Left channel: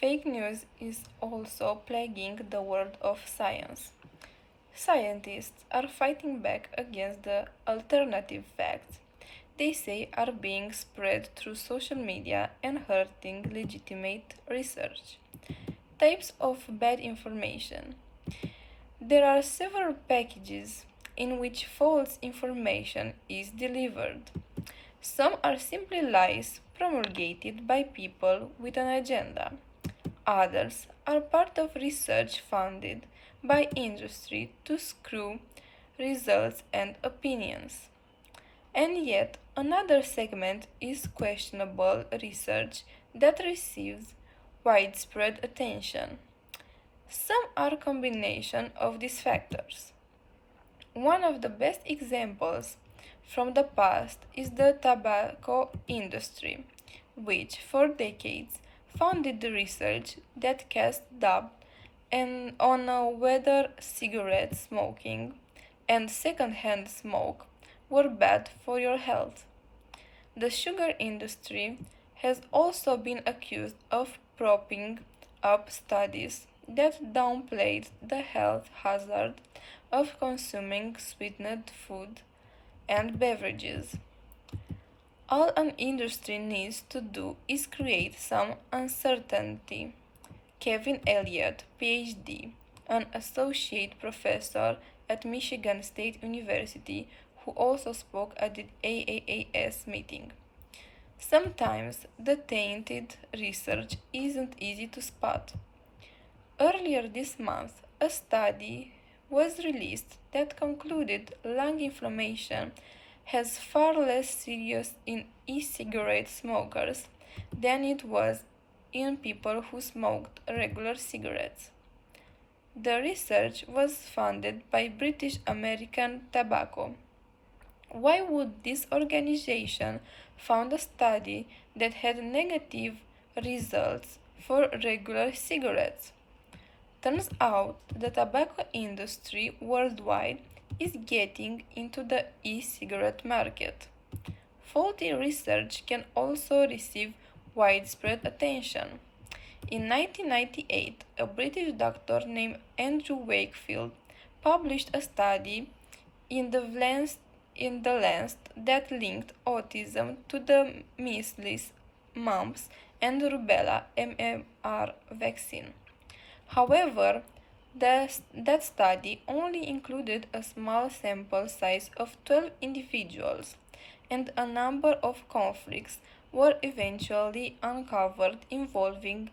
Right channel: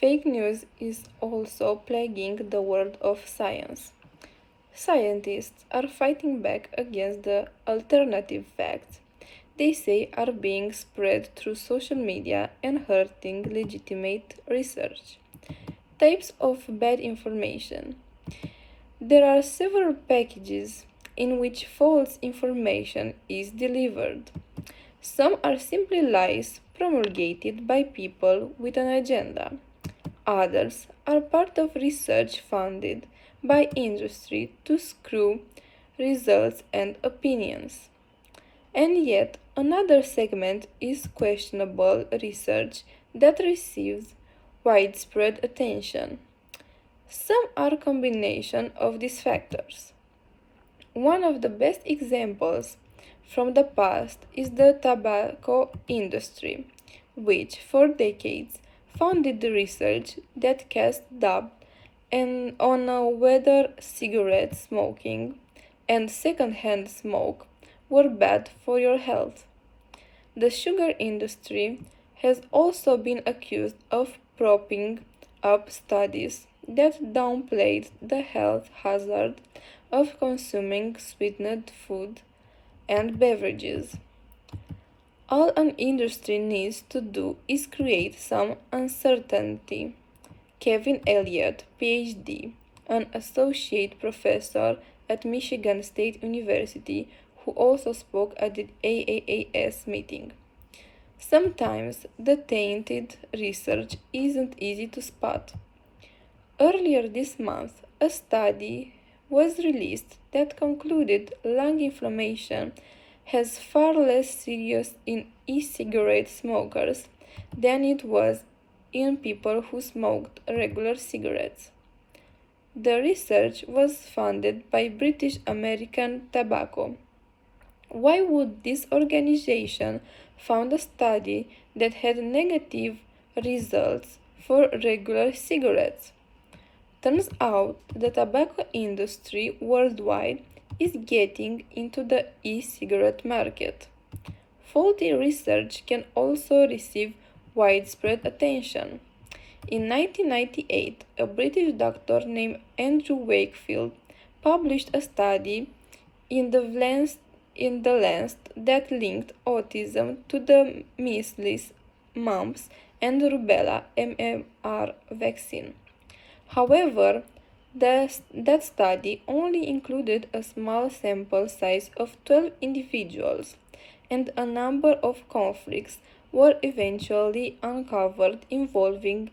Fake news is also plaguing the world of science. Scientists are fighting back against the alternative facts they say are being spread through social media and hurting legitimate research. Types of bad information. There are several packages in which false information is delivered. Some are simply lies promulgated by people with an agenda. Others are part of research funded by industry to screw results and opinions. And yet, another segment is questionable research that receives widespread attention. Some are a combination of these factors. One of the best examples from the past is the tobacco industry, which for decades funded the research that cast doubt on whether cigarette smoking and secondhand smoke were bad for your health. The sugar industry has also been accused of propping up studies that downplayed the health hazard of consuming sweetened food and beverages. All an industry needs to do is create some uncertainty. Kevin Elliott, PhD, an associate professor at Michigan State University, who also spoke at the AAAS meeting. Sometimes the tainted research isn't easy to spot. Earlier this month, a study was released that concluded lung inflammation has far less serious in e-cigarette smokers than it was in people who smoked regular cigarettes. The research was funded by British American Tobacco. Why would this organization fund a study that had negative results for regular cigarettes? Turns out the tobacco industry worldwide is getting into the e-cigarette market. Faulty research can also receive widespread attention. In 1998, a British doctor named Andrew Wakefield published a study in the Lancet that linked autism to the measles, mumps, and rubella MMR vaccine. However, that study only included a small sample size of 12 individuals, and a number of conflicts were eventually uncovered involving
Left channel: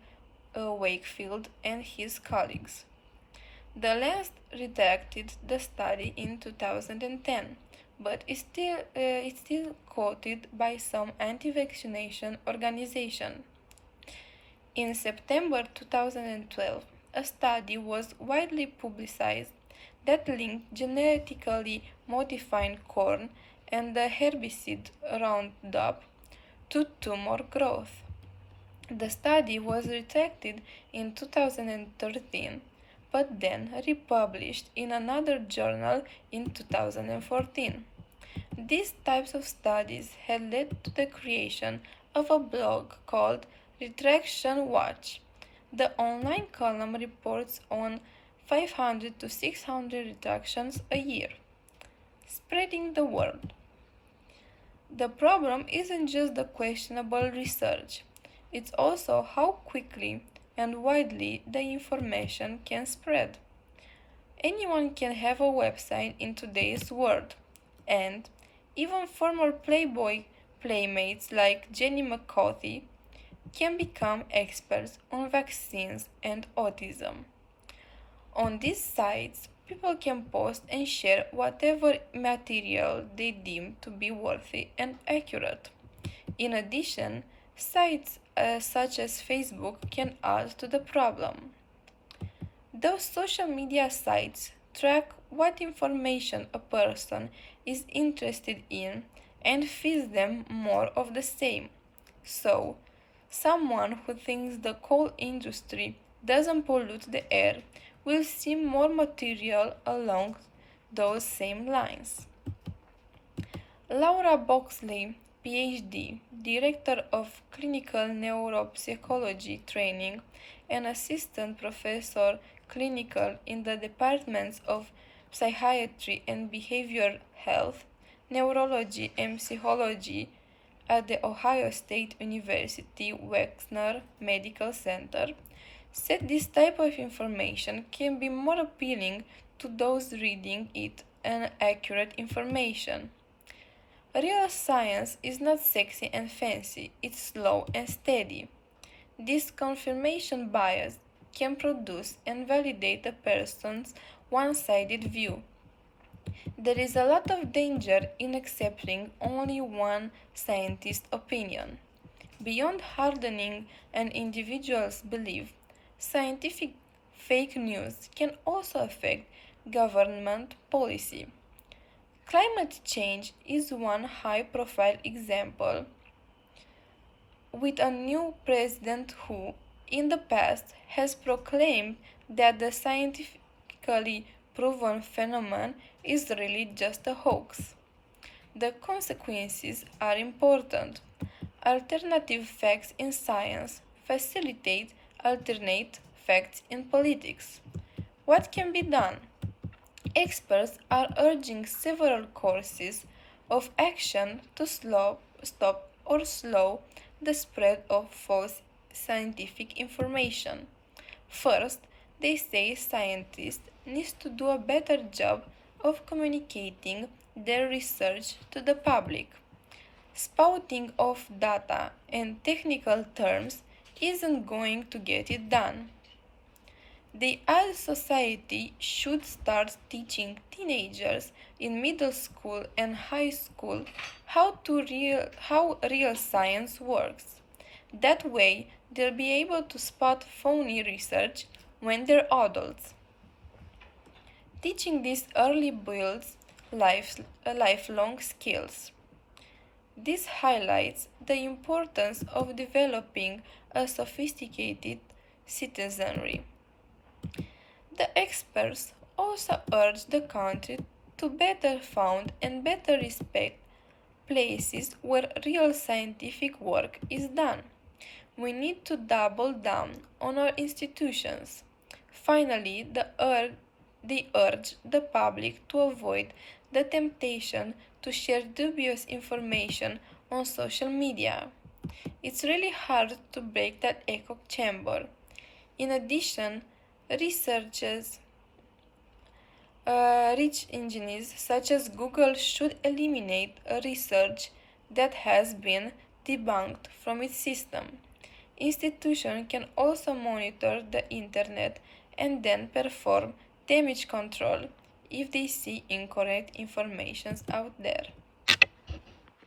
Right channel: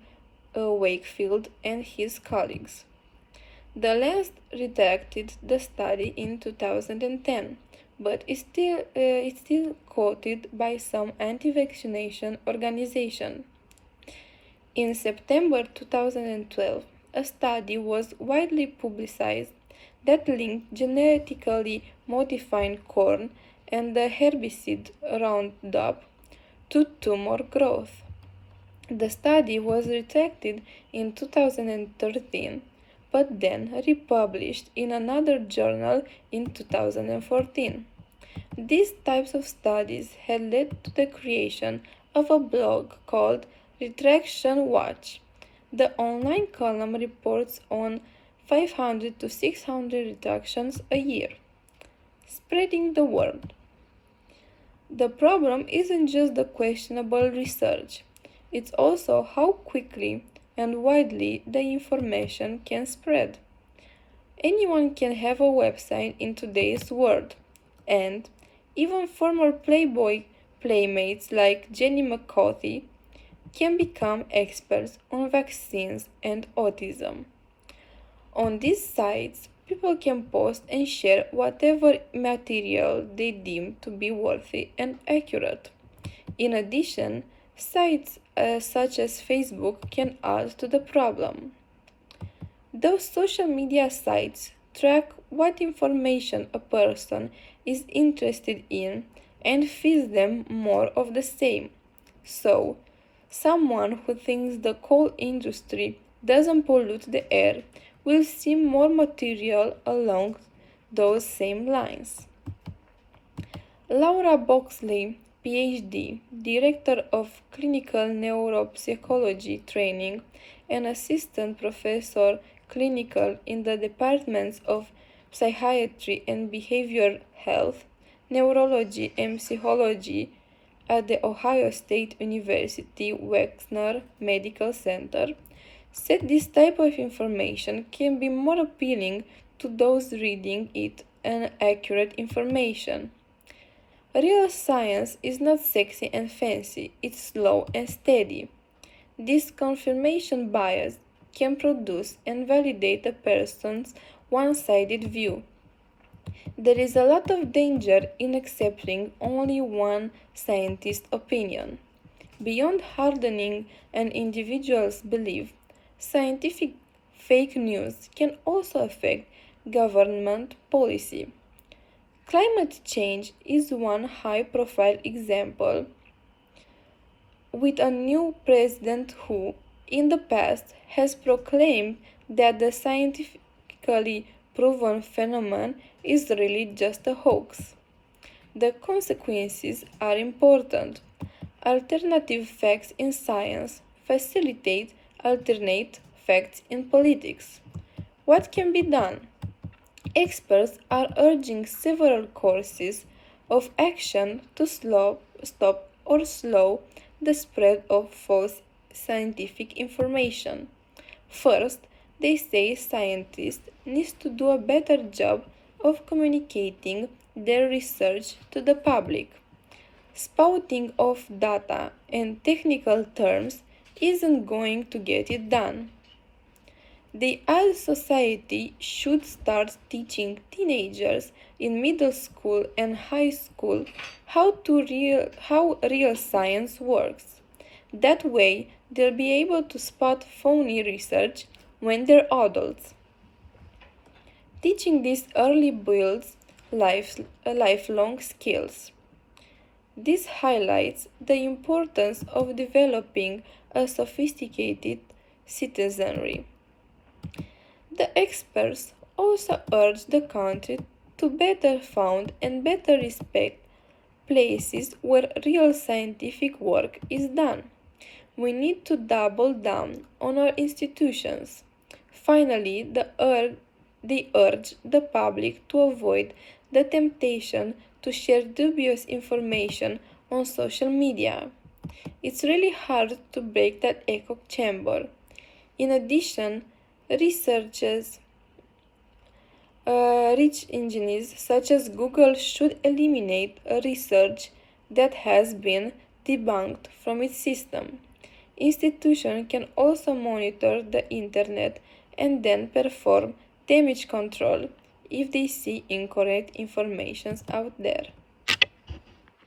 Wakefield and his colleagues. The Lancet redacted the study in 2010, but it's still quoted by some anti-vaccination organizations. In September 2012, a study was widely publicized that linked genetically modified corn and the herbicide Roundup to tumor growth. The study was retracted in 2013 but then republished in another journal in 2014. These types of studies had led to the creation of a blog called Retraction Watch. The online column reports on 500 to 600 retractions a year, spreading the word. The problem isn't just the questionable research, it's also how quickly and widely the information can spread. Anyone can have a website in today's world, and even former Playboy playmates like Jenny McCarthy can become experts on vaccines and autism. On these sites, people can post and share whatever material they deem to be worthy and accurate. In addition, sites such as Facebook can add to the problem. Those social media sites track what information a person is interested in and feeds them more of the same. So, someone who thinks the coal industry doesn't pollute the air will see more material along those same lines. Laura Boxley, PhD, Director of Clinical Neuropsychology Training, and Assistant Professor Clinical in the Departments of Psychiatry and Behavioral Health, Neurology and Psychology at the Ohio State University Wexner Medical Center, said this type of information can be more appealing to those reading it and accurate information. Real science is not sexy and fancy, it's slow and steady. This confirmation bias can produce and validate a person's one sided view. There is a lot of danger in accepting only one scientist's opinion. Beyond hardening an individual's belief, scientific fake news can also affect government policy. Climate change is one high profile example, with a new president who, in the past, has proclaimed that the scientifically proven phenomenon is really just a hoax. The consequences are important. Alternative facts in science facilitate alternate facts in politics. What can be done? Experts are urging several courses of action to stop or slow the spread of false scientific information. First, they say scientists need to do a better job of communicating their research to the public. Spouting off data and technical terms isn't going to get it done. The ad society should start teaching teenagers in middle school and high school how real science works. That way, they'll be able to spot phony research when they're adults. Teaching this early builds lifelong skills. This highlights the importance of developing a sophisticated citizenry. The experts also urge the country to better found and better respect places where real scientific work is done. We need to double down on our institutions. Finally, they urge the public to avoid the temptation to share dubious information on social media. It's really hard to break that echo chamber. In addition, research engines such as Google should eliminate research that has been debunked from its system. Institutions can also monitor the internet and then perform damage control if they see incorrect information out there.